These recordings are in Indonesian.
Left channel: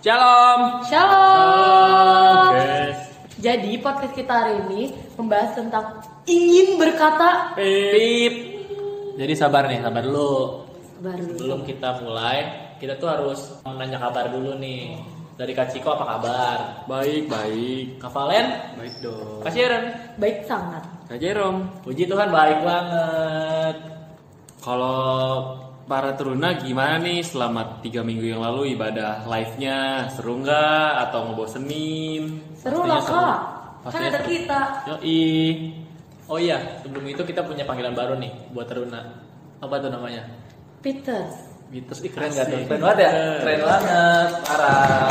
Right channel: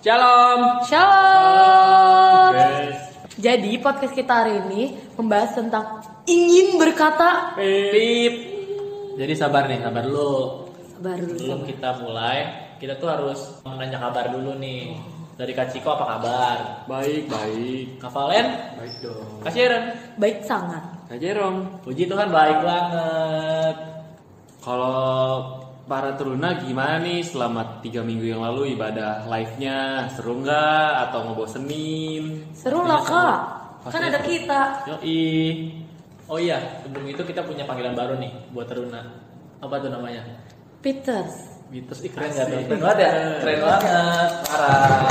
Shalom. Shalom. Yes. Jadi podcast kita hari ini membahas tentang ingin berkata. Pip. Jadi sabar dulu. Baru Sebelum kita mulai, kita tuh harus menanya kabar dulu nih. Dari Kak Ciko apa kabar? Baik. Kak Valen? Baik dong. Kak Sharon? baik sangat. Kak Jerome, Puji Tuhan baik banget. kalau para teruna gimana nih selama 3 minggu yang lalu ibadah live-nya? Seru nggak atau ngebosenin? Seru lah kak. Kan ada kita. Yoi. Oh iya, sebelum itu kita punya panggilan baru nih buat Teruna. Apa tuh namanya? Peters. Gitu keren gak tuh? Keren banget ya? Keren banget, parah.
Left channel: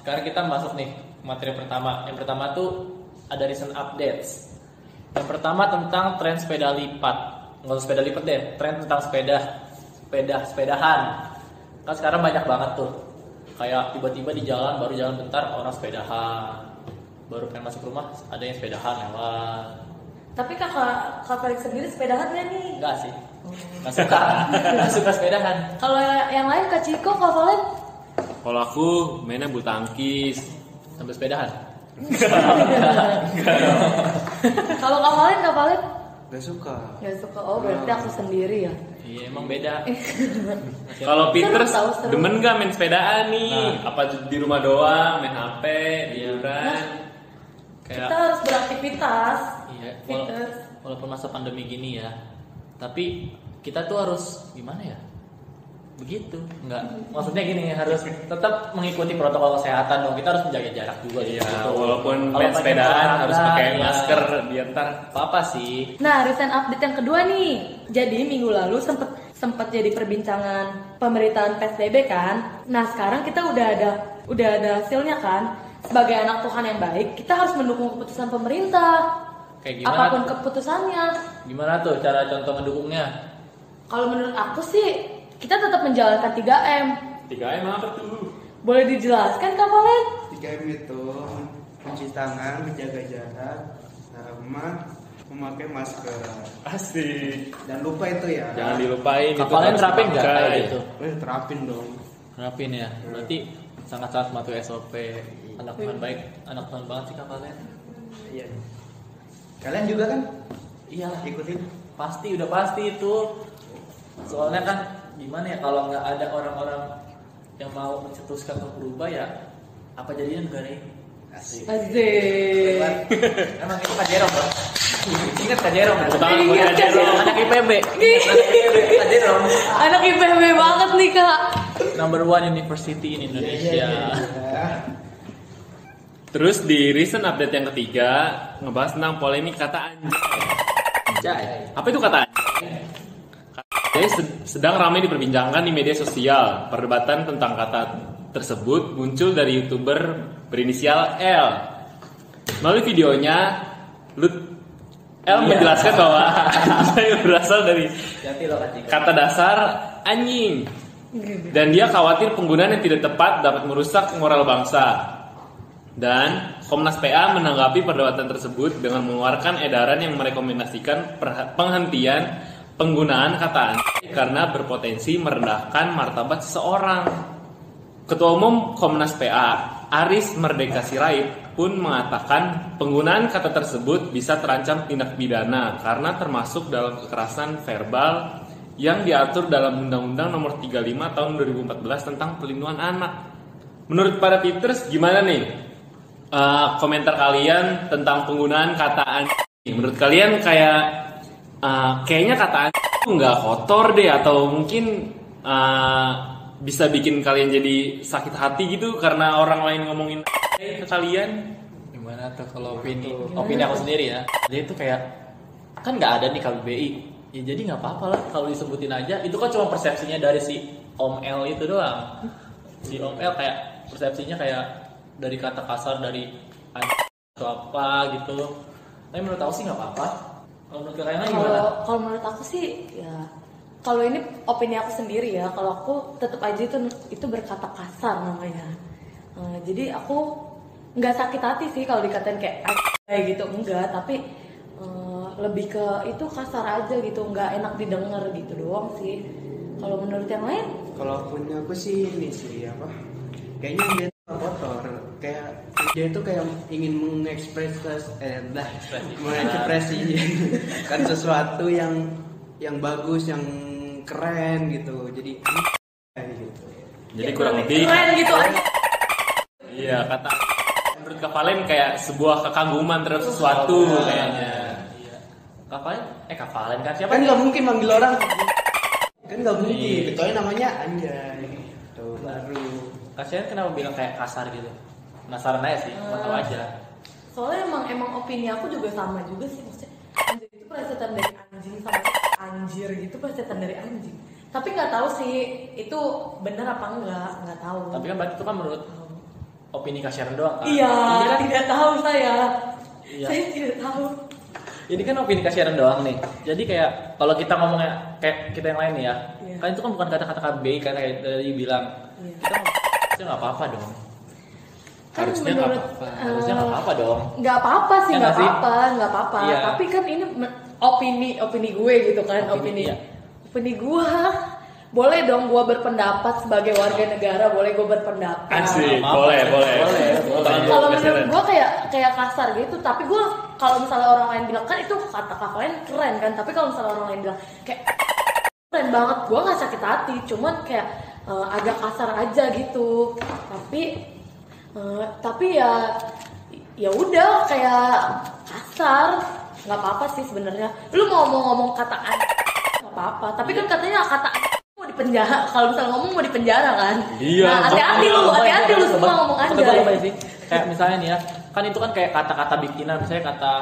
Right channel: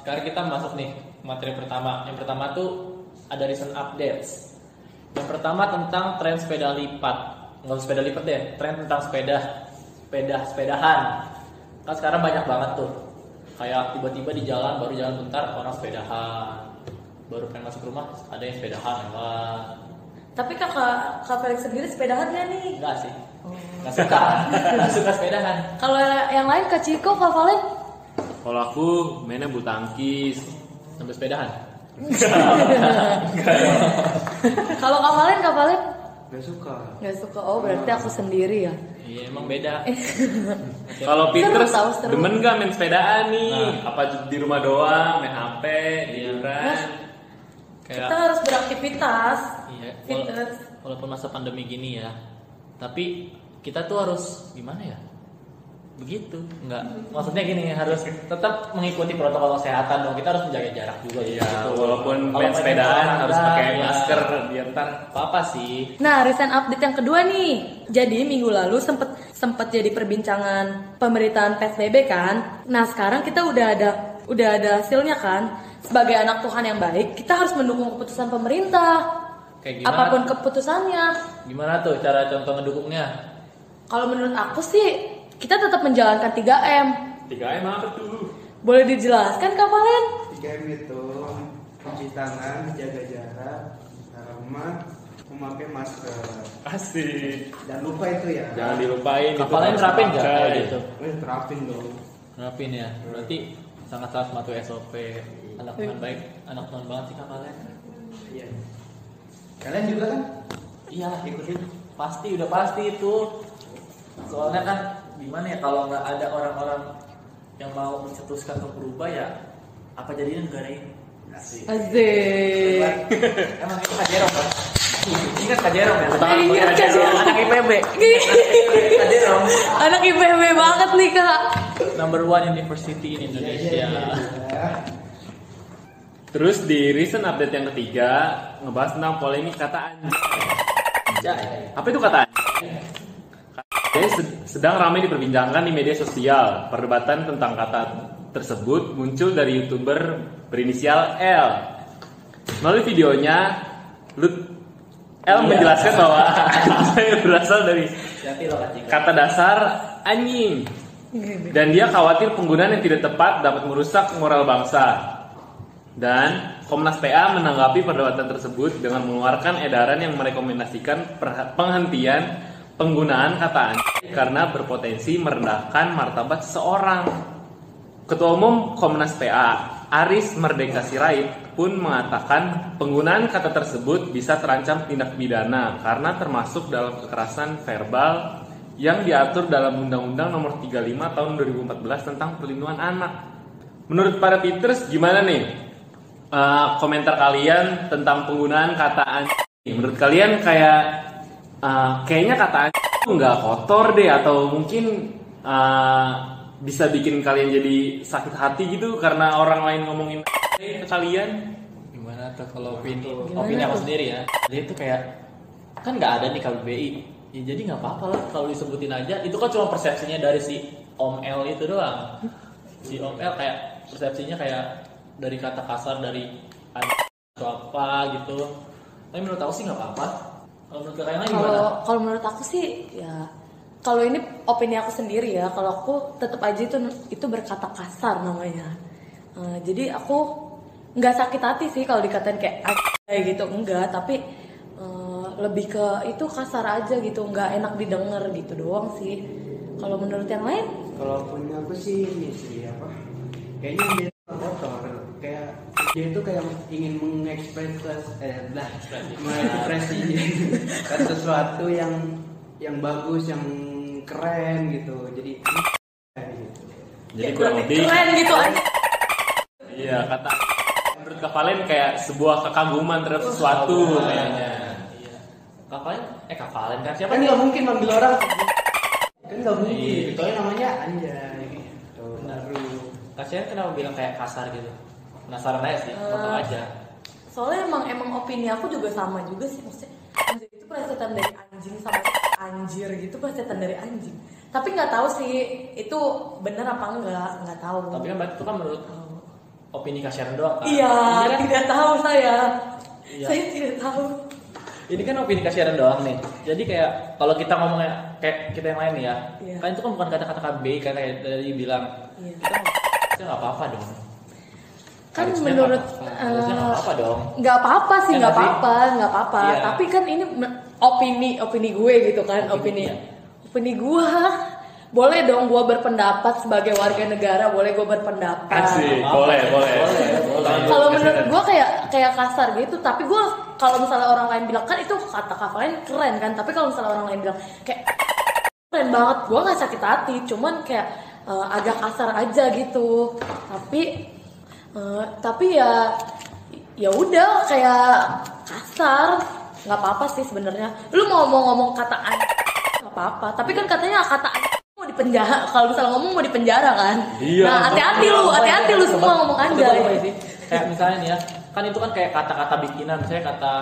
Sekarang kita masuk nih materi pertama. Yang pertama tuh ada recent updates. Yang pertama tentang tren sepeda lipat. Nggak usah sepeda lipat deh, tren tentang sepedahan. Kan sekarang banyak banget tuh. Kayak tiba-tiba di jalan, baru jalan bentar orang sepedahan. Baru pengen masuk rumah ada yang sepedahan lewat. Tapi kakak Felix sendiri sepedahan ya nih? Enggak sih. Nggak suka. Nggak suka sepedahan. Kalau yang lain Kak Ciko, Kak Valen? Kalau aku mainnya bulu tangkis. Sampai sepedahan. Kalau Kak Valen? Gak suka. Gak suka. Oh berarti aku sendiri ya. Iya emang beda. Kalau Peter Seru. demen nggak main sepedaan nih? Nah. Apa di rumah doang main HP gitu Iya. kan? Kita harus beraktivitas. Iya, Peters. walaupun masa pandemi gini ya, tapi kita tuh harus gimana ya? Begitu, enggak? Maksudnya gini, harus tetap mengikuti protokol kesehatan dong. Kita harus menjaga jarak juga Ya, gitu. walaupun Kalau main pengen sepedaan olahraga, harus pakai ya. masker biar ntar Apa sih? Nah, recent update yang kedua nih. Jadi minggu lalu sempat jadi perbincangan pemerintahan PSBB kan. Nah, sekarang kita udah ada hasilnya kan. Sebagai anak Tuhan yang baik, kita harus mendukung keputusan pemerintah. Kayak gimana? Apapun keputusannya. Gimana tuh cara contoh mendukungnya? Kalau menurut aku sih, kita tetap menjalankan 3M. 3M apa tuh? Boleh dijelaskan Kak Valen? 3M itu mencuci tangan, menjaga jarak, sama memakai masker. Asik. Dan lupa itu ya. Jangan dilupain. itu Kalian harus terapin nggak dipakai. kayak gitu? Terapin dong. Terapin ya. Berarti sangat mematuhi SOP. Anak Tuhan baik, anak Tuhan banget kita kalian. Iya. Kalian juga kan Iya, ikutin? udah pasti itu. Soalnya kan gimana ya, kalau nggak ada orang-orang yang mau mencetuskan untuk berubah ya apa jadinya negara ini? Asik. Asik. Emang itu Kak Jerome kan? Ingat Kak Jerome kan? Tangan buat Kak Jerome. Anak IPB. Kak Jerome. Anak IPB banget nih Kak. Number 1 university in Indonesia. Terus di recent update yang ketiga ngebahas tentang polemik kata anjing. Anjay. Apa itu kata anjing? Jadi sedang ramai diperbincangkan di media sosial. Perdebatan tentang kata tersebut muncul dari YouTuber berinisial L. Melalui videonya, L menjelaskan bahwa anjing berasal dari Hati lo Kak Ciko. kata dasar anjing. Dan dia khawatir penggunaan yang tidak tepat dapat merusak moral bangsa. Dan Komnas PA menanggapi perdebatan tersebut dengan mengeluarkan edaran yang merekomendasikan penghentian penggunaan kata anjing karena berpotensi merendahkan martabat seseorang. Ketua Umum Komnas PA, Aris Merdeka Sirait, pun mengatakan penggunaan kata tersebut bisa terancam tindak pidana karena termasuk dalam kekerasan verbal yang diatur dalam Undang-Undang Nomor 35 Tahun 2014 tentang Perlindungan Anak. Menurut para Peters, gimana nih komentar kalian tentang penggunaan kata anjing? Menurut kalian kayaknya kata anjing nggak kotor deh, atau mungkin bisa bikin kalian jadi sakit hati gitu karena orang lain ngomongin ke kalian? Gimana tuh kalau opini aku sendiri ya? Jadi itu kayak kan nggak ada nih KBBI. Ya jadi nggak apa-apa lah kalau disebutin aja. Itu kan cuma persepsinya dari si Om L itu doang. Si Om L kayak persepsinya kayak dari kata kasar dari atau apa gitu. Tapi menurut aku sih nggak apa-apa. Kalau menurut kalian lain gimana? Kalau menurut aku sih ya, kalau ini opini aku sendiri ya, kalau aku tetap aja itu berkata kasar namanya. Jadi aku nggak sakit hati sih kalau dikatain kayak gitu, enggak, tapi lebih ke itu kasar aja gitu, nggak enak didengar gitu doang sih. Kalau menurut yang lain? Kalau punya aku sih ini sih apa? kayaknya dia tuh kotor, kayak dia itu kayak ingin mengekspresikan sesuatu yang bagus, yang keren gitu. Jadi kayak gitu. Jadi kurang lebih keren gitu aja. iya kata menurut Kak Valen kayak sebuah kekaguman terhadap sesuatu kayaknya. Iya. Kak Valen kan siapa Kan nih? nggak mungkin manggil orang, kan nggak mungkin. Kecuali namanya Anjay. Tuh baru. Kasian kenapa bilang kayak kasar gitu? Penasaran aja sih, nonton aja. Soalnya emang opini aku juga sama juga sih, maksudnya anjir itu plesetan dari anjing sama anjir gitu plesetan dari anjing. Tapi nggak tahu sih itu benar apa nggak tahu. Tapi kan berarti itu kan menurut opini kasihan doang kan? Iya, kan? tidak tahu saya. Iya. Saya tidak tahu. Ini kan opini kasihan doang nih. Jadi kayak kalau kita ngomongnya kayak kita yang lain nih ya, Iya. kan itu kan bukan kata-kata baik karena kayak tadi bilang. Iya. Kita nggak apa-apa dong. Kan Harusnya menurut harusnya nggak apa-apa dong. nggak apa-apa sih, Ya, nggak nggak sih? apa-apa. Iya. Tapi kan ini opini gue gitu kan, Opini, iya. opini gue. Boleh dong gue berpendapat sebagai warga negara, boleh gue berpendapat. Asik, Apa-apa. boleh. Kalau menurut gue kayak kasar gitu, tapi gue kalau misalnya orang lain bilang kan itu kata lain keren kan, tapi kalau misalnya orang lain bilang kayak keren banget, gue nggak sakit hati, cuman kayak agak kasar aja gitu. Tapi ya udah kayak kasar, nggak apa-apa sih sebenarnya. Lu mau ngomong kata nggak apa-apa, tapi kan katanya kata mau dipenjara. Kalau misalnya ngomong mau dipenjara kan. Iya. Nah, hati-hati lu semua ngomong Betul anjay. sih. Kayak misalnya nih ya, kan itu kan kayak kata-kata bikinan, misalnya kata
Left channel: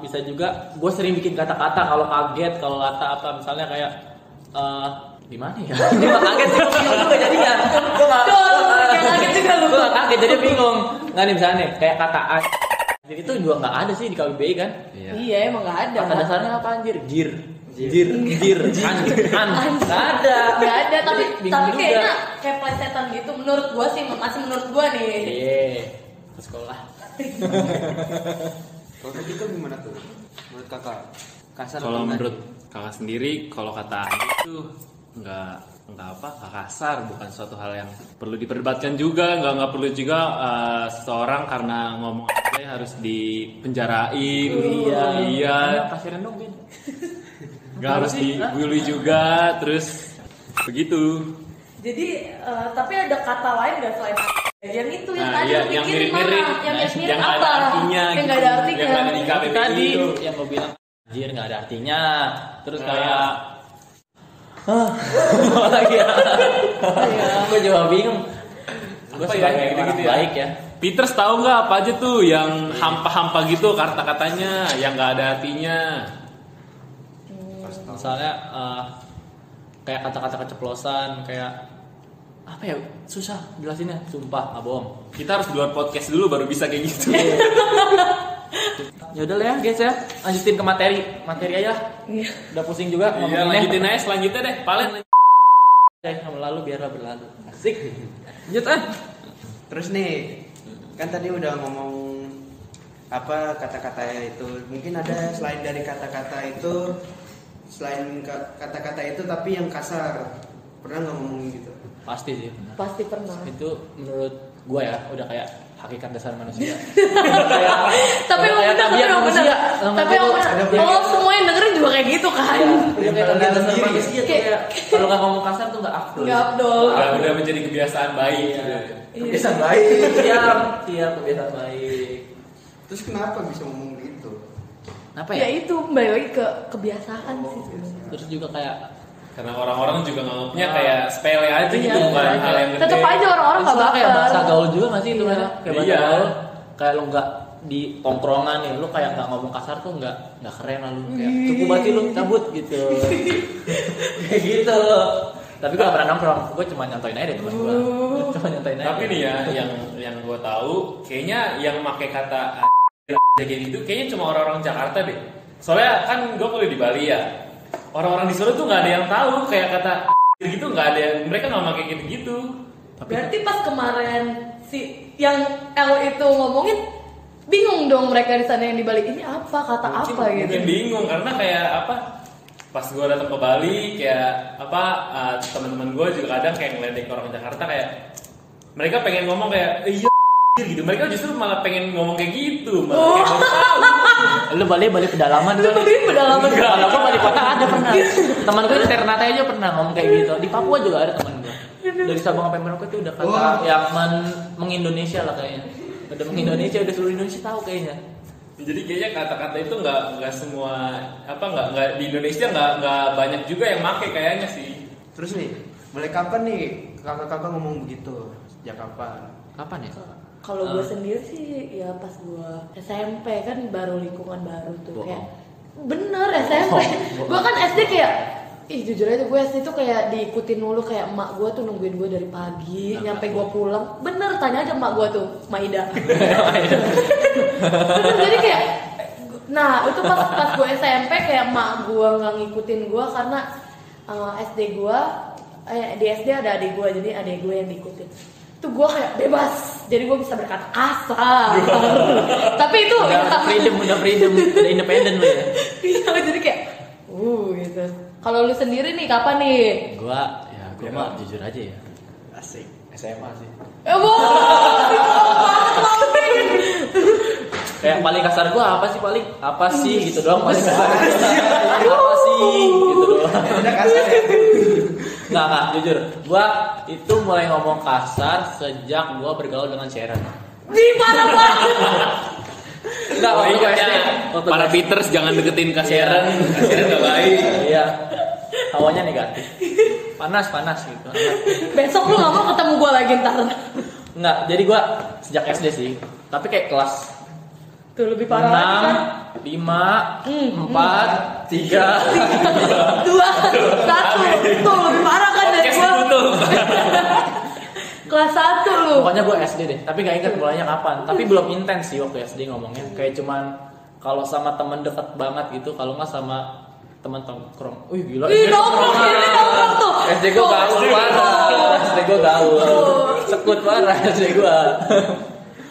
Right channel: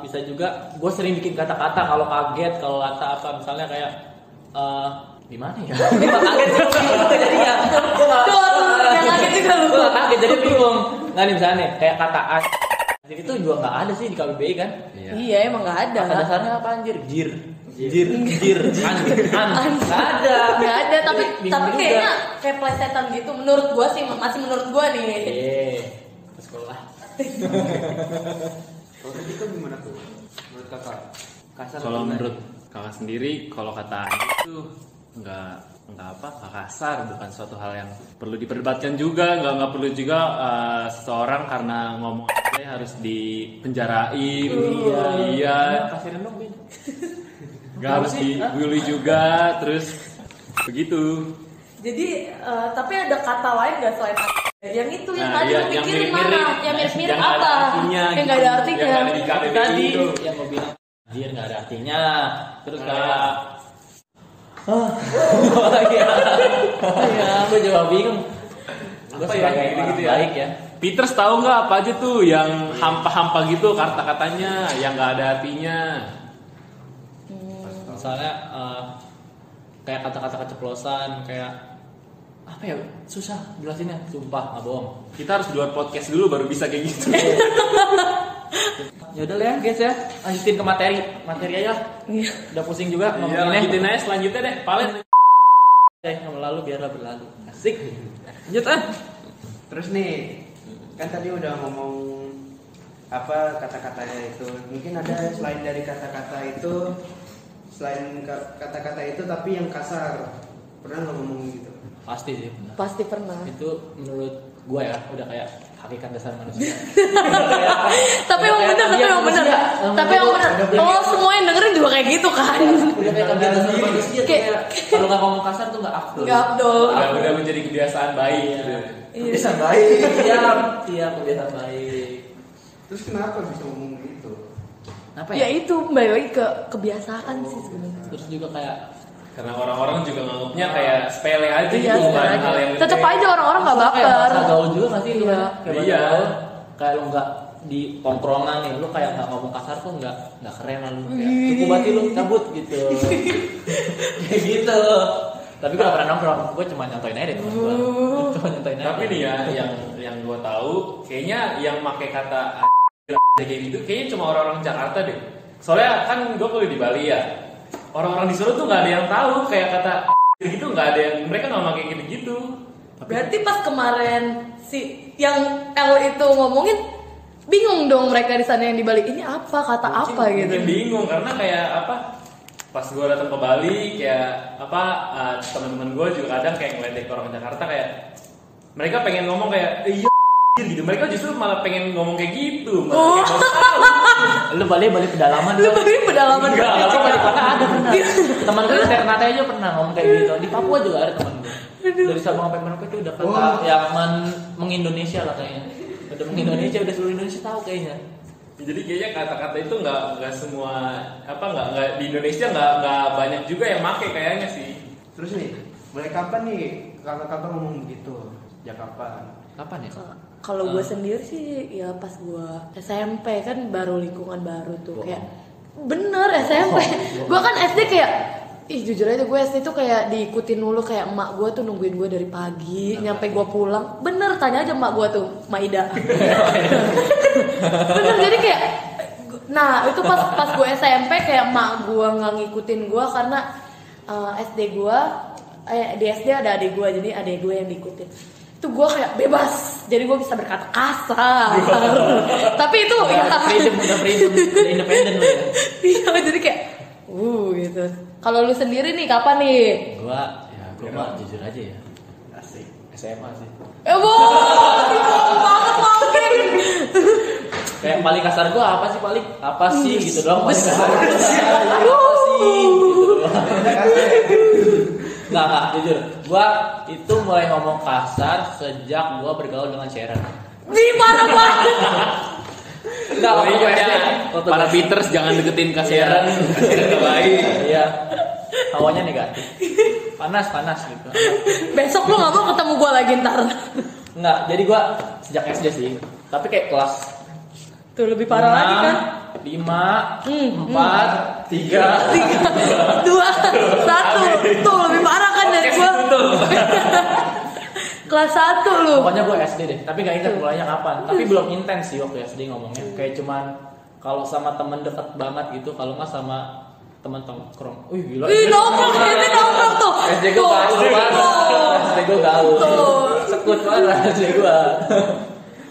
bisa juga gue sering bikin kata-kata kalau kaget, kalau kata apa misalnya kayak gimana ya? Gue kaget jadinya. Gue kaget jadi bingung. Nggak nih misalnya nih, kayak kata jadi itu juga nggak ada sih di KBBI kan? Iya emang nggak ada. Kata dasarnya apa anjir? Gir. Nggak ada. Nggak ada, tapi Bingung juga. kayaknya kayak plesetan gitu. Menurut gua sih, masih menurut gua nih. Di sekolah. Kalau itu gimana tuh? Menurut kakak? Kasar Kalau atau menurut kakak sendiri, kalau kata itu nggak kasar, bukan suatu hal yang perlu diperdebatkan juga, nggak perlu juga seseorang karena ngomong aja harus dipenjarain, iya, Kasirin dong Bin. nggak harus dibully juga, terus begitu. Jadi, tapi ada kata lain nggak selain yang itu yang Nah, tadi yang lu pikirin mirip-mirip, mana? Yang mirip-mirip yang apa? ada artinya, Yang gitu. nggak ada artinya. Yang ada di KBBI Tadi itu. yang gue bilang anjir nggak ada artinya. Terus kayak gue juga bingung. Gue Apa ya, sebagai gitu orang ya? baik ya. Peters tahu nggak apa aja tuh yang hampa-hampa gitu kata-katanya yang nggak ada artinya? Misalnya kayak kata-kata keceplosan, kayak apa ya, susah jelasinnya, sumpah nggak bohong. Kita harus buat podcast dulu baru bisa kayak gitu. Ya udah lah ya guys ya, lanjutin ke materi aja. Iya. Udah pusing juga Iya, ngomonginnya. lanjutin aja selanjutnya deh. Paling Yang berlalu biarlah berlalu. Asik. Lanjut ah. Terus nih, kan tadi udah ngomong apa kata-kata itu. Mungkin ada selain dari kata-kata itu, selain kata-kata itu tapi yang kasar. Pernah nggak ngomong gitu? Pasti sih. Pasti pernah. Itu menurut gue ya udah kayak hakikat dasar manusia. Tapi emang bener, Tapi emang bener. Oh, semua yang dengerin juga kayak gitu kan. Udah kayak kebiasaan sendiri. manusia tuh kayak kalau nggak ngomong kasar tuh nggak afdol. Nggak Abdul. udah menjadi kebiasaan baik. Iya. Kebiasaan baik. Iya kebiasaan baik. Terus kenapa bisa ngomong gitu? Apa Ya ya? itu balik lagi ke kebiasaan sih sebenarnya. Terus juga kayak Karena orang-orang juga nganggapnya kayak sepele aja Iya, gitu, bukan iya. hal yang Tetep gede. aja orang-orang nggak kayak bahasa baper. gaul juga nggak sih lu Iya. kan? Kayak bahasa Iya. gaul. Kayak lu nggak di tongkrongan nih, lu kayak nggak ngomong kasar tuh nggak keren lah lu. Kayak, cukup banget lu cabut gitu. Kayak gitu. Tapi gue gak pernah nongkrong, gue cuma nyantoin aja deh temen gue. Cuma nyantoin aja. Tapi nih ya, yang gue tahu, kayaknya yang pakai kata kayak gitu, kayaknya cuma orang-orang Jakarta deh. Soalnya kan gue kuliah di Bali ya, orang-orang di Solo tuh nggak ada yang tahu kayak kata gitu, nggak ada yang, mereka nggak pakai gitu. Berarti pas kemarin si yang L itu ngomongin bingung dong mereka di sana yang di Bali ini apa kata apa gitu. Mungkin bingung karena kayak apa? Pas gue datang ke Bali kayak apa teman-teman gue juga kadang kayak ngeledek orang Jakarta kayak mereka pengen ngomong kayak iya gitu. Mereka justru malah pengen ngomong kayak gitu. Malah Lu balik ke pedalaman. Lu balik pedalaman. Enggak, aku balik kota ada pernah. Teman gue di Ternate aja pernah ngomong kayak gitu. Di Papua juga ada teman gue. Dari Sabang sampai Merauke itu udah kata yang mengindonesia lah kayaknya. Udah mengindonesia, udah seluruh Indonesia tahu kayaknya. Jadi kayaknya kata-kata itu nggak semua nggak di Indonesia nggak banyak juga yang make kayaknya sih. Terus nih, mulai kapan nih kakak-kakak ngomong begitu? Sejak kapan? Kapan ya? Kalau gue sendiri sih ya pas gue SMP kan baru lingkungan baru tuh kayak bener SMP. Gue kan SD kayak jujur aja gue SD tuh kayak diikutin dulu kayak emak gue tuh nungguin gue dari pagi nyampe gue pulang. Bener tanya aja emak gue tuh, Maida. Bener jadi kayak nah itu pas gue SMP kayak emak gue nggak ngikutin gue karena SD gue di SD ada adik gue jadi adik gue yang diikutin. Itu gue kayak bebas jadi gue bisa berkata kasar tapi itu udah freedom independen lu ya. Iya jadi kayak gitu. Kalau lu sendiri nih kapan nih? Gua mah jujur aja ya. Asik. SMA sih. Ya Kayak paling kasar gua apa sih gitu doang paling kasar. Apa sih gitu doang. Udah kasar. Enggak jujur. Gua itu mulai ngomong kasar sejak gua bergaul dengan Sharon. Di parah banget. Enggak, para Peters jangan deketin kasihan. Enggak baik. Iya. Hawanya negatif. Panas gitu. Besok lu gak mau ketemu gue lagi ntar. Enggak, jadi gue sejak SD sih. Tapi kayak kelas tuh lebih parah lagi kan. 5, 4, 3, 2, 1. Tuh lebih parah kan dari gue. Kelas 1 lu. Pokoknya gue SD deh, tapi gak ingat mulainya kapan. Tapi belum intens sih waktu SD ngomongnya. Kayak cuman kalau sama temen deket banget gitu, kalau nggak sama teman tongkrong. Wih gila. Ih nongkrong tuh. SD gue gaul banget. SD gue gaul. Sekut banget SD gue.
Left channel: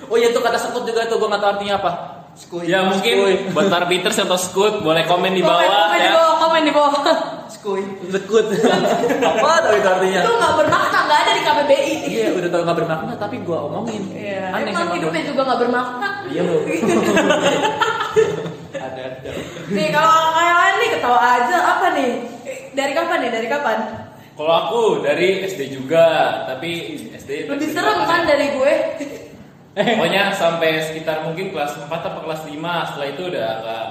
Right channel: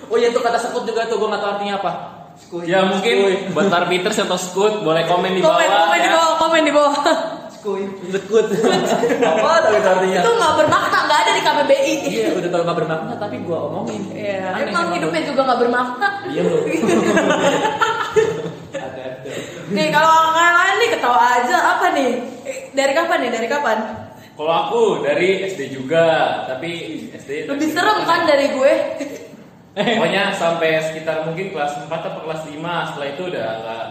Oh iya itu kata sekut juga tuh gue nggak tahu artinya apa. Ya mungkin buat para Peters atau Skut boleh komen di bawah ya. Komen di bawah. Sekut. Apa tapi artinya? Itu nggak bermakna, nggak ada di KBBI. Iya udah tahu nggak bermakna tapi gue omongin. Iya. Emang hidupnya juga nggak bermakna. Iya loh. Ada. Nih kalau yang lain nih ketawa aja apa nih? Dari kapan? Kalau aku dari SD juga, tapi SD Lebih serem kan dari gue. pokoknya sampai sekitar mungkin kelas 4 atau kelas 5. Setelah itu udah gak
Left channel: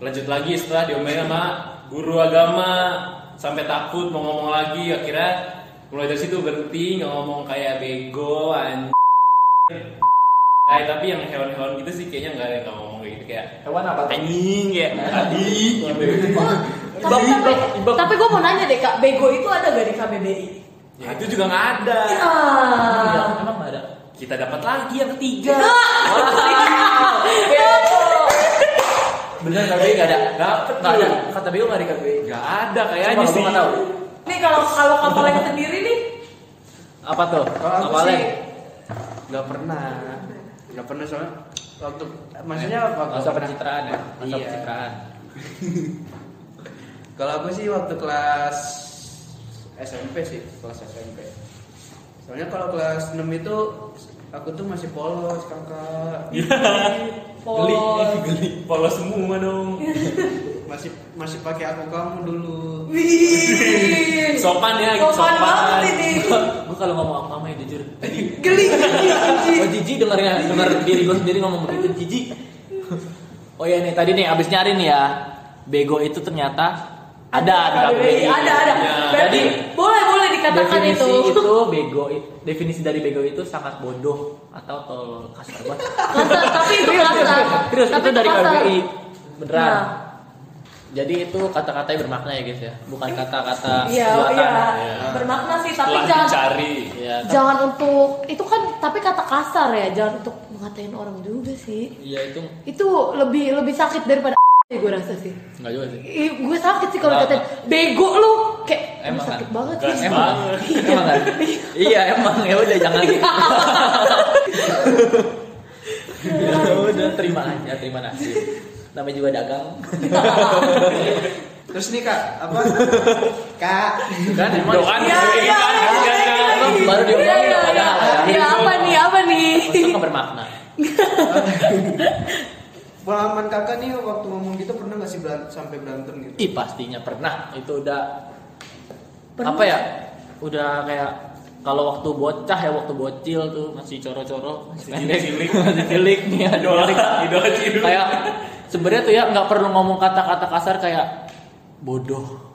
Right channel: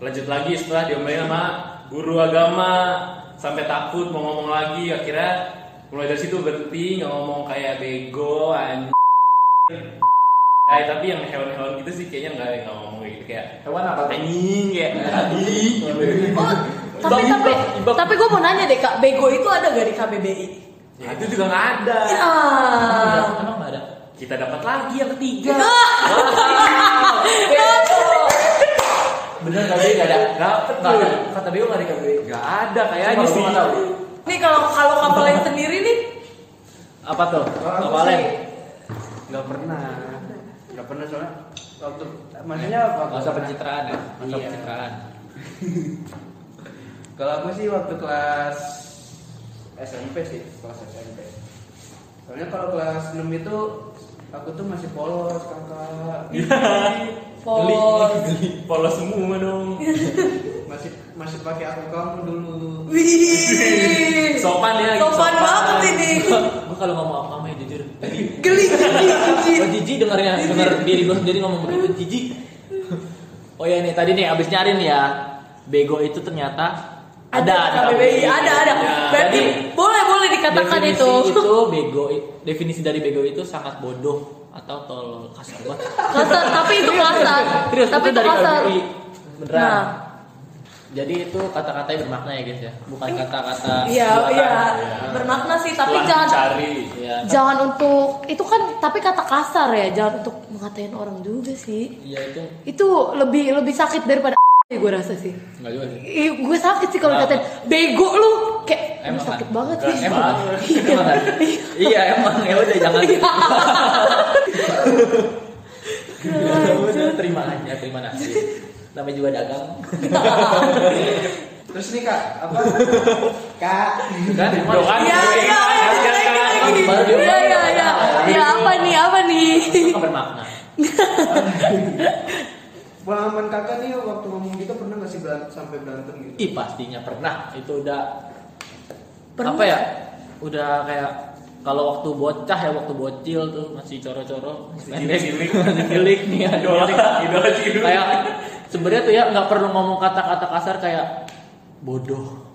lanjut lagi setelah diomelin sama guru agama sampai takut mau ngomong lagi. Akhirnya mulai dari situ berhenti nggak ngomong kayak bego tapi yang hewan-hewan gitu sih kayaknya nggak ngomong kayak gitu kayak Hewan apa tuh? anjing kayak tadi. Oh, tapi gue mau nanya deh kak, bego itu ada gak di KBBI? Ya, itu juga nggak ada. Emang nggak ada? Kita dapat lagi yang ketiga. Bener KBBI nggak ada? Dapet Nggak ada. tuh. Kata BU nggak di KBBI. Nggak ada kayaknya Cuma sih. gue nggak tahu. Nih kalau kapalnya sendiri nih, Apa tuh? Kalau aku Kapalnya? sih nggak pernah soalnya waktu maksudnya waktu Masa pencitraan ya? Masa Iya. pencitraan. Kalau aku sih waktu kelas SMP sih, kelas SMP. Soalnya kalau kelas 6 itu aku tuh masih polos kakak. Geli. Polos semua dong. masih pakai aku kamu dulu. wih, Sopan ya, sopan banget ini. Gue kalau ngomong apa namanya jujur. Geli. Gue jijik denger diri gue sendiri ngomong begitu jijik. Oh ya nih tadi nih abis nyari nih ya. Bego itu ternyata ada KBBI, ada. Ya, Berarti boleh dikatakan definisi itu. bego, definisi dari bego itu sangat bodoh atau tolol, kasar banget. Kasar, tapi itu kasar. Terus Tapi itu dari kasar. KBBI beneran. Nah. Jadi itu kata-katanya bermakna ya guys ya, bukan kata-kata Iya, buatan. bermakna sih, tapi Setelah jangan dicari. Iya. jangan untuk itu kan, tapi kata kasar ya, jangan untuk mengatain orang juga sih. Iya itu Itu lebih sakit daripada gue rasa sih. enggak juga sih. Gue sakit sih kalau Kenapa? katain bego lu, kayak Emang lu sakit kan? banget Enggak, sih. emang. Emang kan? Iya emang ya udah jangan. Ya udah terima aja, terima nasib. Namanya juga dagang. Terus nih kak, apa? Kak. Kan Doan Iya, iya. baru dia Iya. Ya apa nih? Itu kan bermakna. Pengalaman kakak nih waktu ngomong gitu pernah nggak sih sampai berantem gitu? Ih pastinya pernah. Itu udah Pernah. apa ya? Udah kayak kalau waktu bocah ya, waktu bocil tuh masih coro-coro, masih cilik nih ya. Idola cilik. Kayak sebenarnya tuh ya nggak perlu ngomong kata-kata kasar kayak bodoh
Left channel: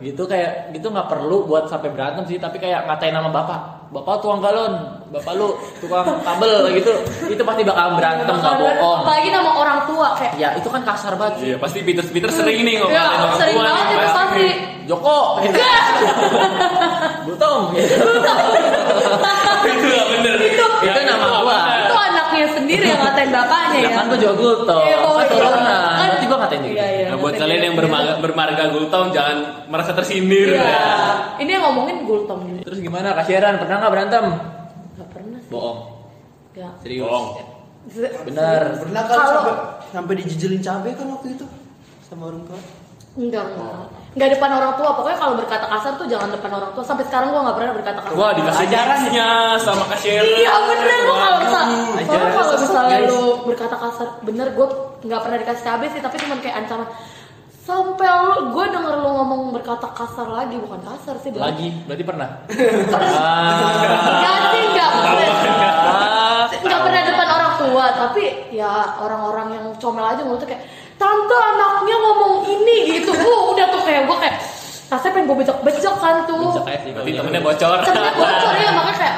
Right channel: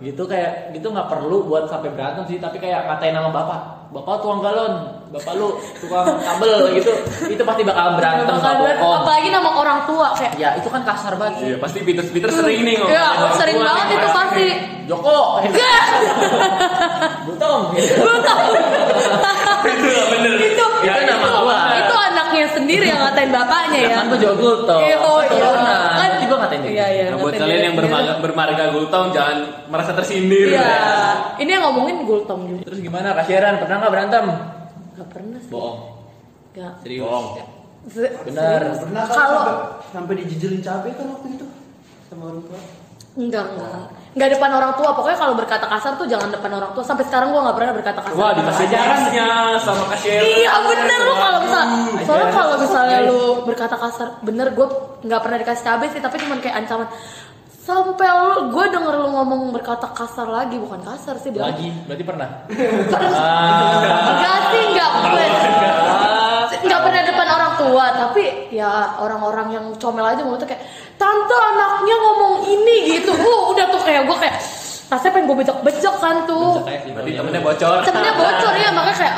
gitu, kayak gitu nggak perlu buat sampai berantem sih, tapi kayak ngatain nama bapak tukang galon, bapak lu tukang kabel gitu, itu pasti bakal berantem, nggak bohong. Apalagi nama orang tua kayak. Ya itu kan kasar banget sih. Iya pasti Peter sering nih ngomong Ya, orang sering tua banget nih, itu pasti. Joko, Butong, gitu. Itu nggak bener. Itu Ya, nama nggak gua. bener. Itu anaknya sendiri yang ngatain bapaknya Ya ya. kan gue juga Gultong, Iya, oh, kan turunan, kan. berarti gue ngatain dia. Iya. Nah, buat kalian yang bermarga Gultong jangan merasa tersindir. Iya. Ya. Ini yang ngomongin Gultong juga. Terus gimana Kak Sharon, pernah nggak berantem? Gak pernah sih. Bohong, Ya. serius. Bohong. Bener. Pernah kan Kalau- sampai dijejelin cabai kan waktu itu sama orang tua? Enggak depan orang tua. Pokoknya kalau berkata kasar tuh jangan depan orang tua. Sampai sekarang gua nggak pernah berkata kasar. Wah dikasih jarasnya sama Kak Sheryl. Iya bener lu kalau soalnya kalau misalnya guys. lu berkata kasar, bener gue nggak pernah dikasih cabai sih, tapi cuma kayak ancaman. Sampai gue denger lu ngomong berkata kasar lagi, bukan kasar sih dia. Lagi, berarti pernah. Enggak sih, nggak pernah depan orang tua, tapi ya orang-orang yang comel aja mulutnya kayak tante anaknya ngomong ini gitu. Udah tuh kayak gue kayak rasanya pengen gue bejek kan tuh. Berarti temennya bocor. Temennya bocor ya, makanya kayak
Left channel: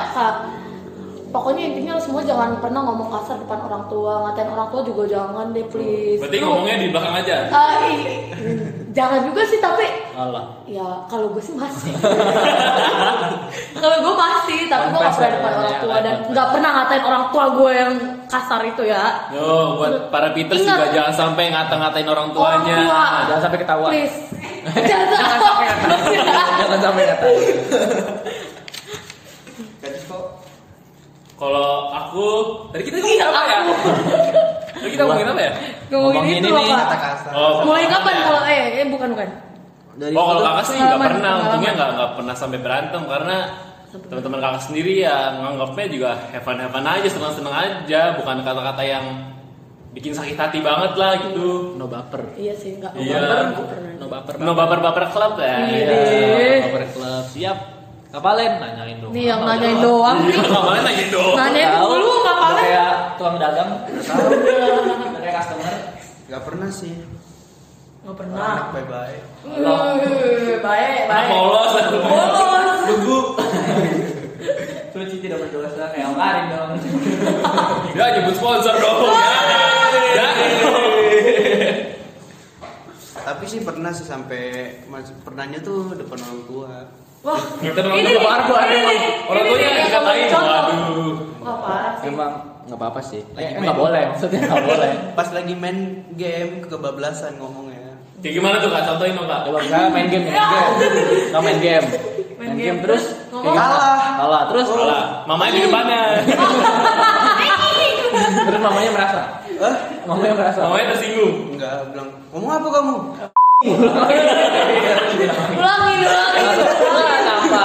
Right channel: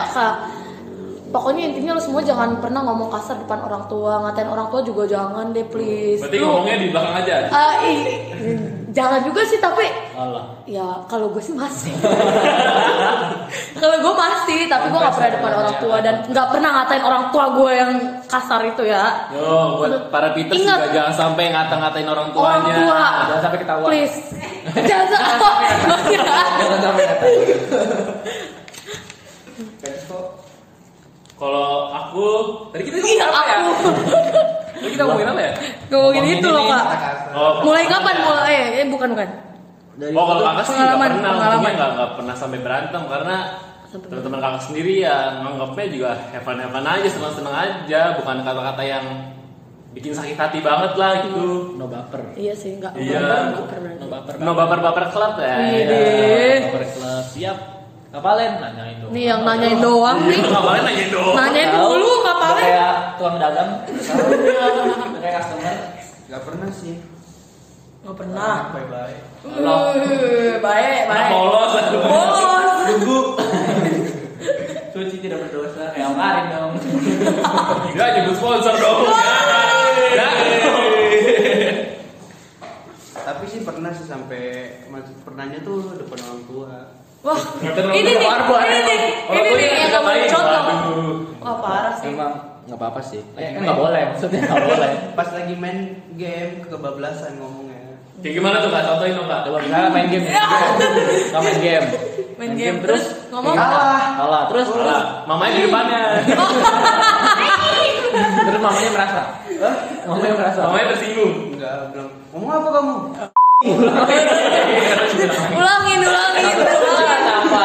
pokoknya intinya lo semua jangan pernah ngomong kasar depan orang tua, ngatain orang tua juga jangan deh please. Berarti ngomongnya di belakang aja. Jangan juga sih, tapi Allah. ya kalau gue sih masih. Kalau gue pasti, tapi gue nggak pernah depan orang tua dan nggak pernah ngatain orang tua gue yang kasar itu ya. Yo, buat para Peter Ingat. juga jangan sampai ngata-ngatain orang tuanya. Orang tua. Jangan sampai ketahuan. Please. Jangan sampai. Jangan sampai ngatain. Kalau aku, tadi kita ngomongin apa ya? Tadi kita ngomongin apa ya? Ngomongin itu loh nih, kak. Kata kasar. Oh, Mulai kapan? Bukan. Oh kalau kakak sih nggak pengalaman. pernah, untungnya nggak pernah sampai berantem karena teman-teman kakak sendiri ya nganggapnya juga have fun aja, senang-senang aja, bukan kata-kata yang bikin sakit hati banget lah gitu. No baper. Iya sih, nggak Iya. nggak pernah. No baper. No baper club ya. Iya. Baper club. Siap. Kapalen nanyain dong. Nih yang nanyain doang nih. Ngapain lagi dong? Nanyain Tahu. dulu kapalnya. Kayak tuang dagang. Kayak customer. Gak pernah sih. Nggak pernah. Bye-bye. Baik. Polos. Polos. Guguk. Suci tidak berdosa kayak Karin dong. Ya nyebut sponsor dong. Ya. Tapi sih pernah sih sampai pernahnya tuh depan orang tua. Wah, Ini ini nih. orang tuanya yang dikatain. contoh. Aduh. Wah parah sih. Emang nggak apa-apa sih. Nggak boleh, maksudnya nggak boleh. Pas lagi main game kebablasan ngomongnya. Kayak gimana tuh kak? Contohin dong kak. Coba misalnya main game, nggak main game. Main game terus ngomong kalah terus Salah. Mamanya di depannya. terus mamanya merasa. Hah? Mamanya merasa. Mamanya tersinggung. Enggak, bilang, ngomong apa kamu? ulangin. Apa?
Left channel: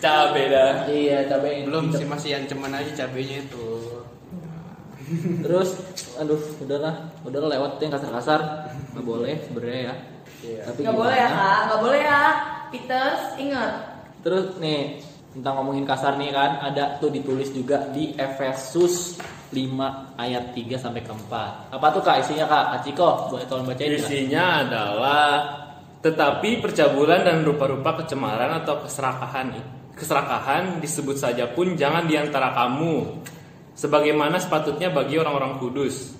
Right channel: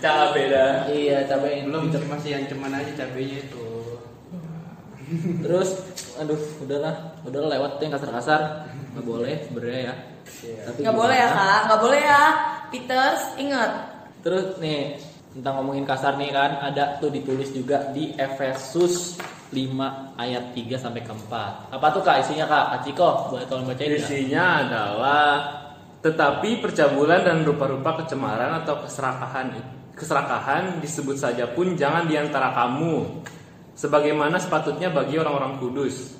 Cabe dah. Iya, cabai Belum sih, masih ancaman aja cabenya itu. Terus, aduh, udahlah lewat tuh yang kasar-kasar, nggak boleh sebenarnya ya. Tapi Nggak boleh ya gimana? kak, nggak boleh ya. Peters ingat. Terus nih tentang ngomongin kasar nih kan, ada tuh ditulis juga di Efesus 5 ayat 3 sampai ke 4. Apa tuh kak isinya kak? Kak Ciko, boleh tolong bacain nggak? Isinya adalah tetapi percabulan dan rupa-rupa kecemaran atau keserakahan disebut saja pun jangan di antara kamu sebagaimana sepatutnya bagi orang-orang kudus.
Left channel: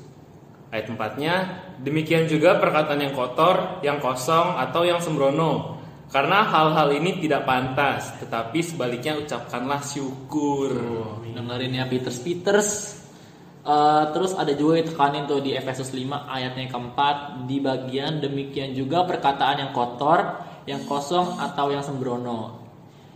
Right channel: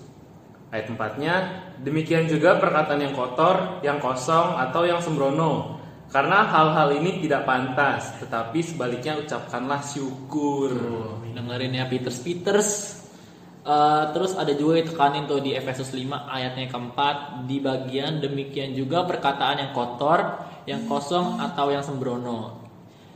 Ayat 4-nya, demikian juga perkataan yang kotor, yang kosong atau yang sembrono. Karena hal-hal ini tidak pantas, tetapi sebaliknya ucapkanlah syukur. Dengerin ya Peters. Terus ada juga ditekanin tuh di Efesus 5 ayatnya yang keempat, di bagian demikian juga perkataan yang kotor, yang kosong atau yang sembrono.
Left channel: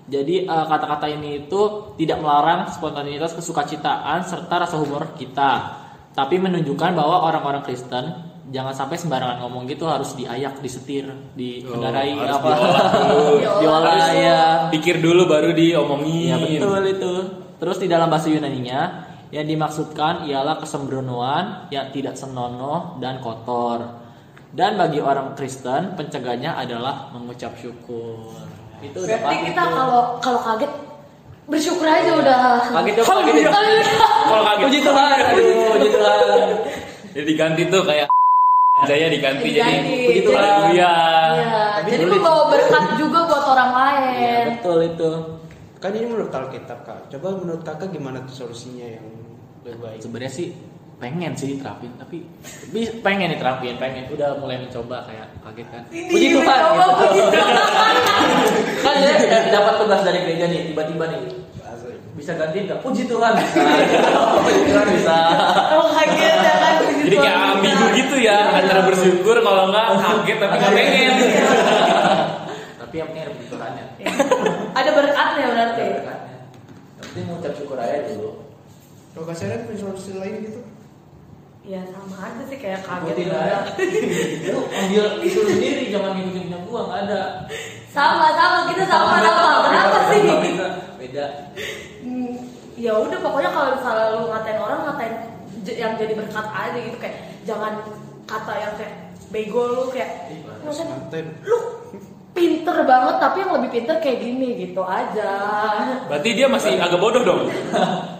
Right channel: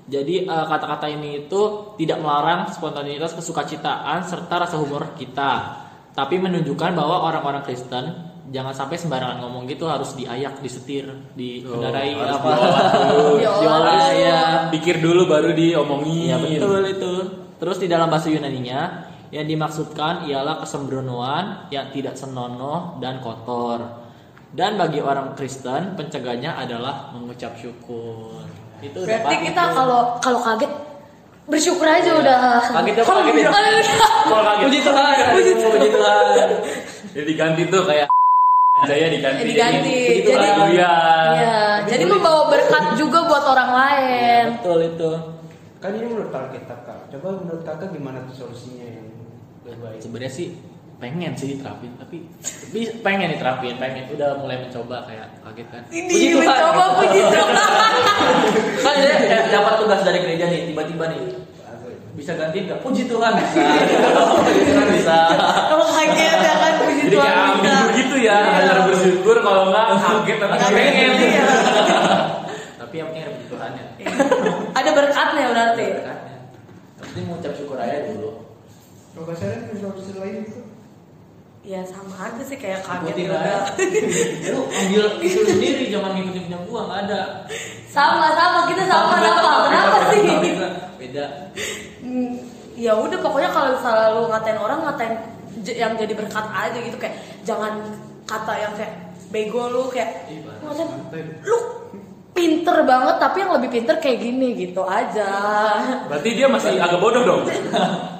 Jadi kata-kata ini itu tidak melarang spontanitas, kesukacitaan serta rasa humor kita, tapi menunjukkan bahwa orang-orang Kristen jangan sampai sembarangan ngomong gitu, harus diayak, disetir, dikendarai harus apa. diolah dulu. Diolah ya. Pikir dulu baru diomongin. Ya betul itu. Terus di dalam bahasa Yunaninya yang dimaksudkan ialah kesembronoan yang tidak senonoh dan kotor. Dan bagi orang Kristen pencegahnya adalah mengucap syukur. Itu udah Berarti pasti kita tuh. kalau kaget bersyukur aja udah. Kaget apa kaget? Kalau kaget. Puji Tuhan, puji Tuhan. Jadi diganti tuh kayak Jaya diganti. Diganti. Puji Tuhan. Iya. Iya. Jadi membawa berkat juga buat orang Ya, lain. betul itu. Kan ini menurut Alkitab Kak. Coba menurut Kakak gimana tuh solusinya yang baik? Sebenarnya sih pengen sih diterapin, tapi pengen diterapin, udah mulai mencoba kayak kaget kan. Puji Tuhan. Coba puji Tuhan. Kan ya, dapat tugas dari gereja nih, tiba-tiba nih bisa gantiin nggak? Puji Tuhan bisa. Puji Tuhan bisa. Kalau kaget jangan puji Jadi Tuhan. kayak ambigu gitu ya, antara bersyukur kalau nggak kaget atau nggak pengen. Tapi yang penting ada puji Tuhannya. Ada berkatnya berarti. Ada berkatnya. Yang penting mengucap syukur aja dulu. Kalau Kak Sharon punya solusi lain gitu? Ya sama aja sih kayak kaget. Ikutin aja. Lu ambil itu sendiri, jangan ngikutin punya gua, nggak ada. Sama kita sama kenapa sih? Beda. Ya udah pokoknya kalau misalnya lu ngatain orang ngatain yang jadi berkat aja gitu, kayak jangan kata yang kayak bego lu kayak maksudnya lu pinter banget tapi yang lebih pinter kayak gini gitu aja. Berarti dia masih agak bodoh dong.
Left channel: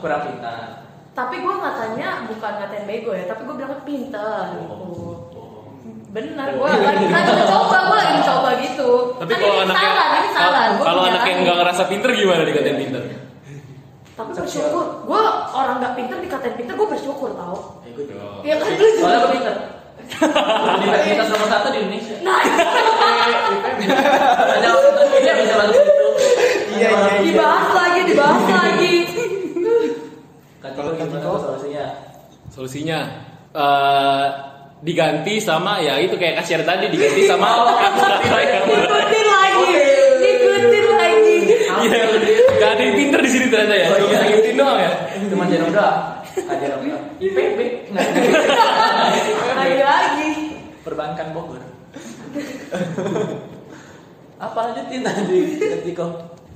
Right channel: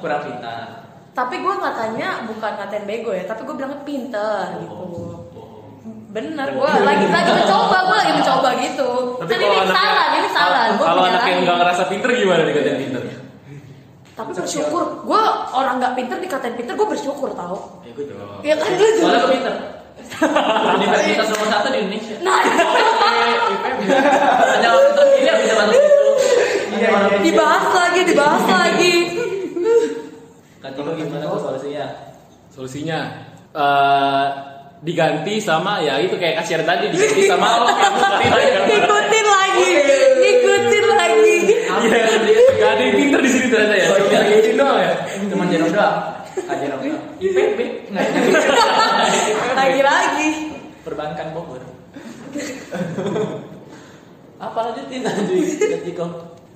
Kurang pintar. Tapi gue ngatain bego ya, tapi gue bilangnya pinter gitu. Bener, gue lagi mencoba gitu. Tapi Kan kalau ini anaknya ini salah. Gua kalau bilang. anaknya nggak ngerasa pinter gimana dikatain pinter? Tapi bersyukur, gue orang nggak pinter dikatain pinter, gue bersyukur tau. Ya gue juga. Iya kan lu Soalnya juga. gue pinter. Universitas nomor 1 di Indonesia. Nah, IPB. Hanya orang terpilih yang bisa masuk itu. Iya, iya. dibahas lagi. Katiko gimana tuh solusinya? Solusinya diganti sama ya itu kayak kasir tadi diganti sama Ikutin lagi. Iya, gak ada yang pinter di sini ternyata ya. Oh, iya. Ngikutin doang ya. Teman Jero doang. Kajian apa? IPB. Lagi. Perbankan Bogor. Apa lanjutin Katiko?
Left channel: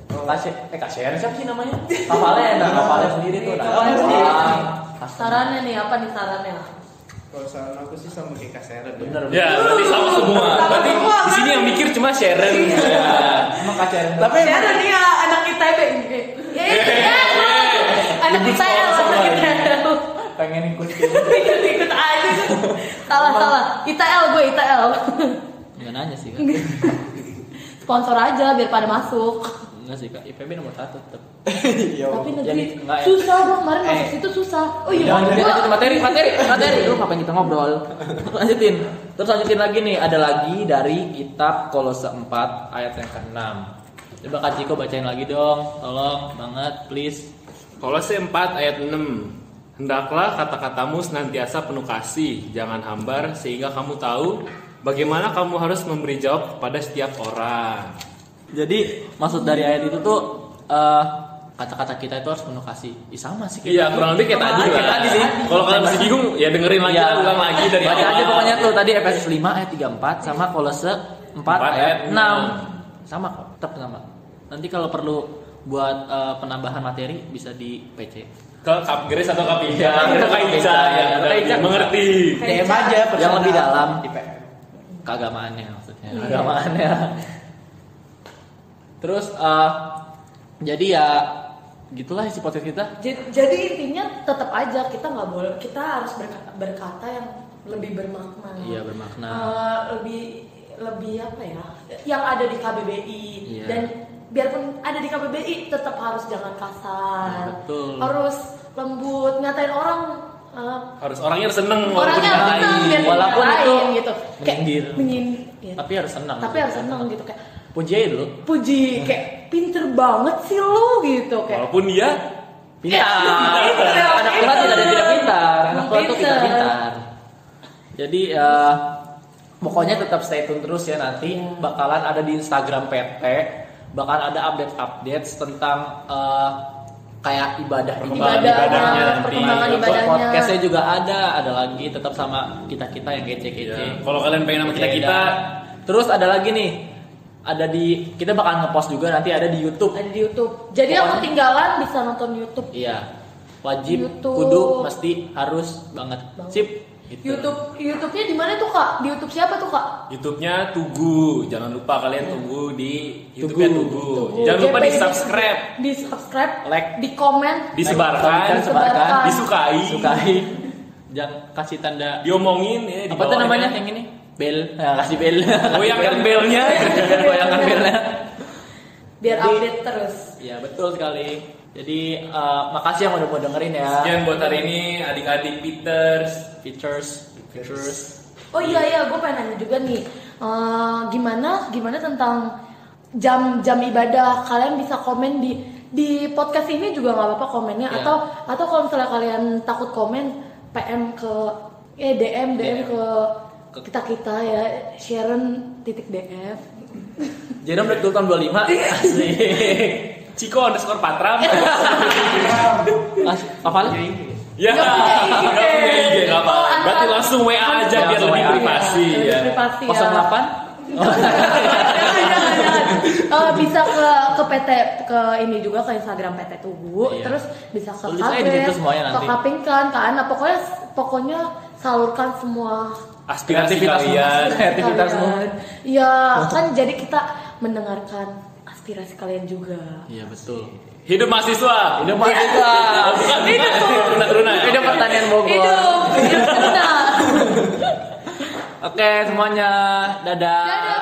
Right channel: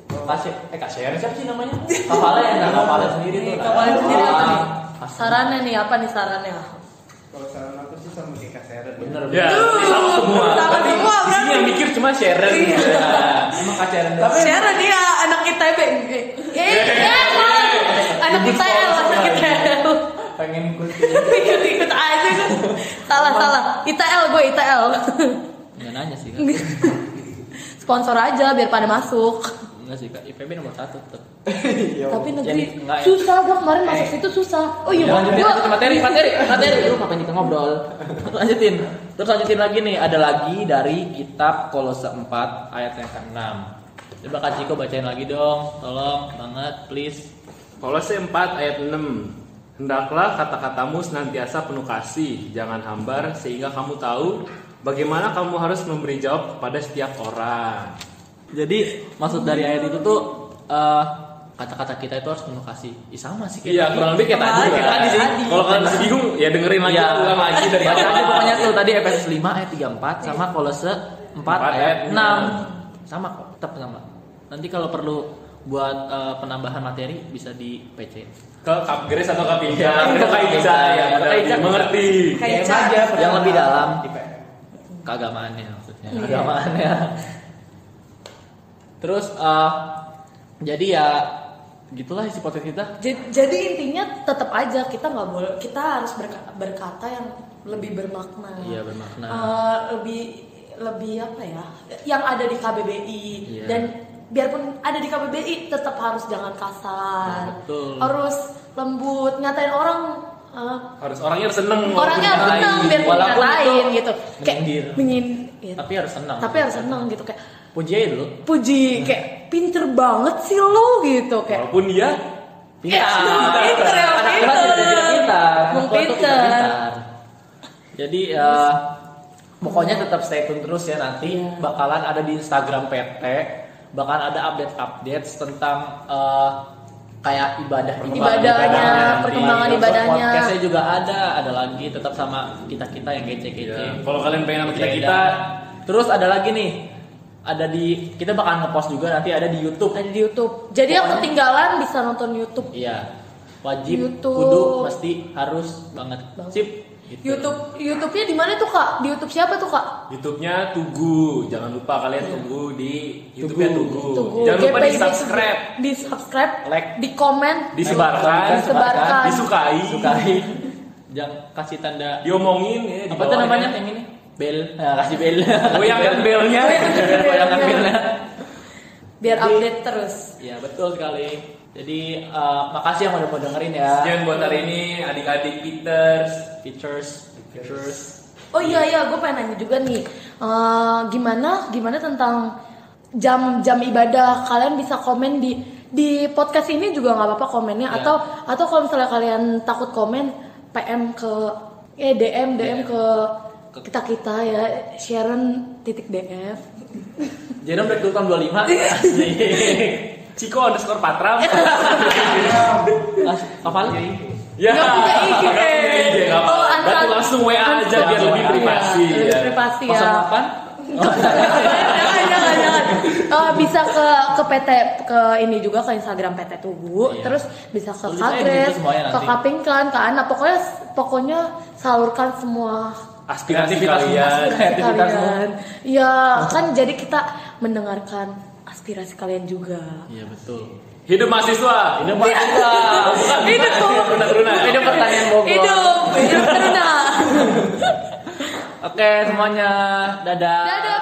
Kasir siapa sih namanya? Kapalnya sendiri tuh. Kapalnya sendiri. Pas. Sarannya nih, apa nih sarannya? Kalau saran aku sih sama kayak Kak Sharon. Bener. Ya, sama semua. Sama Berarti semua, di sini kan? yang mikir cuma Sharon. Ya. Emang kaciran doang. Tapi Sharon dia anak ITB. Anak ITL. Pengen ikut. Ikut aja kan. Salah. ITL. Nggak nanya sih. Sponsor aja biar pada masuk. Enggak sih Kak, IPB nomor 1 tetap. Tapi Jadi, negeri enggak ya. susah gua kemarin masuk situ susah. Oh iya, Lanjutin materi. Lu ngapain kita ngobrol? Terus lanjutin lagi nih, ada lagi dari kitab Kolose 4 ayat yang ke-6. Coba Kak Ciko bacain lagi dong, tolong banget, please. Kolose 4 ayat 6. Hendaklah kata-katamu senantiasa penuh kasih, jangan hambar sehingga kamu tahu bagaimana kamu harus memberi jawab kepada setiap orang. Jadi maksud dari ayat itu tuh kata-kata kita itu harus penuh kasih. Sama sih. Iya, kurang lebih kayak tadi. Kayak tadi sih. Kalau kalian masih bingung, ya dengerin lagi, Ya, ulang lagi dari baca awal. aja pokoknya tuh tadi Efesus 5 ayat 34 sama Kolose 4 ayat 6. Sama kok, tetap sama. Nanti kalau perlu buat penambahan materi bisa di PC. Ke Kap Grace atau Kap Ija? Ya, Kita Kap Ija ya, Kap Ija. mengerti. DM aja Yang lebih dalam. di PM. Keagamaannya maksudnya. Iya. Agamaannya. Terus jadi ya gitulah isi podcast kita. Jadi intinya tetap aja kita nggak boleh, kita harus berkata yang lebih bermakna. Iya, bermakna. Lebih apa ya? Yang ada di KBBI. Iya. Dan biarpun ada di KBBI tetap harus jangan kasar. Ya, betul. Harus lembut, ngatain orang. Harus orangnya harus seneng. Orangnya harus dimarahin. senang biar Walaupun itu dimarahin gitu. Kayak menyindir. ya. Tapi harus senang. Tapi harus senang gitu kayak Puji aja dulu. puji kayak pinter banget sih lo gitu kayak. Walaupun dia Pintar. Pintar. Anak Tuhan tidak ada yang tidak pintar. Anak Tuhan tuh Pintar. pintar. Jadi pokoknya tetap stay tune terus ya, nanti bakalan ada di Instagram PT, bakalan ada update tentang kayak ibadah perkembangan Terus ibadahnya. podcastnya juga ada lagi tetap sama kita yang kece-kece. Ya, kalau kalian pengen sama kita Terus ada lagi nih, kita bakal ngepost juga nanti ada di YouTube. Ada di YouTube. Jadi yang Pokoknya- ketinggalan bisa nonton YouTube. Iya, wajib, YouTube. kudu, mesti, harus banget. Sip. Gitu. YouTube-nya di mana tuh Kak? Di YouTube siapa tuh Kak? YouTube-nya Tugu. Jangan lupa kalian tunggu di YouTube-nya Tugu. Tugu. Jangan lupa di JPI subscribe, Di subscribe, Like. di komen, disebarkan, Disebarkan. disukai, Jangan kasih tanda. diomongin ya. di Apa tuh bawahnya. namanya yang ini? Bel. Nah, kasih bel. Goyangkan belnya. Goyangkan belnya. biar Jadi- update terus. Ya betul sekali. Jadi makasih yang udah mau dengerin ya. Sekian buat hari ini adik-adik Peters. Features. Oh iya, gue pengen nanya juga nih, gimana tentang jam ibadah? Kalian bisa komen di podcast ini juga nggak apa-apa komennya, Ya. atau kalau misalnya kalian takut komen, PM ke DM ke kita ya, Sharon.df. Jadi break dulu tahun 25. Asik. Ciko_Patram. Apa lah? Ya, Nggak punya IG. nggak punya IG, nggak apa. Oh, Berarti langsung WA aja biar lebih privasi. Lebih Ya. privasi ya. 08? Jangan. Bisa ke PT, ke ini juga, ke Instagram PT Tugu, Iya. terus bisa ke Tulis aja di situ Kadres, semuanya ke nanti. Kapingkan, ke Anak, pokoknya salurkan semua Aspirasi Kreativitas kalian. Kreativitas semua. kalian. Ya kan jadi kita mendengarkan aspirasi kalian juga. Iya betul. Hidup mahasiswa. Udah mati enggak? Oh, bukan, Runa. Ini pertanyaan Bogor. Hidup tenang. Oke semuanya, dadah. Dadah.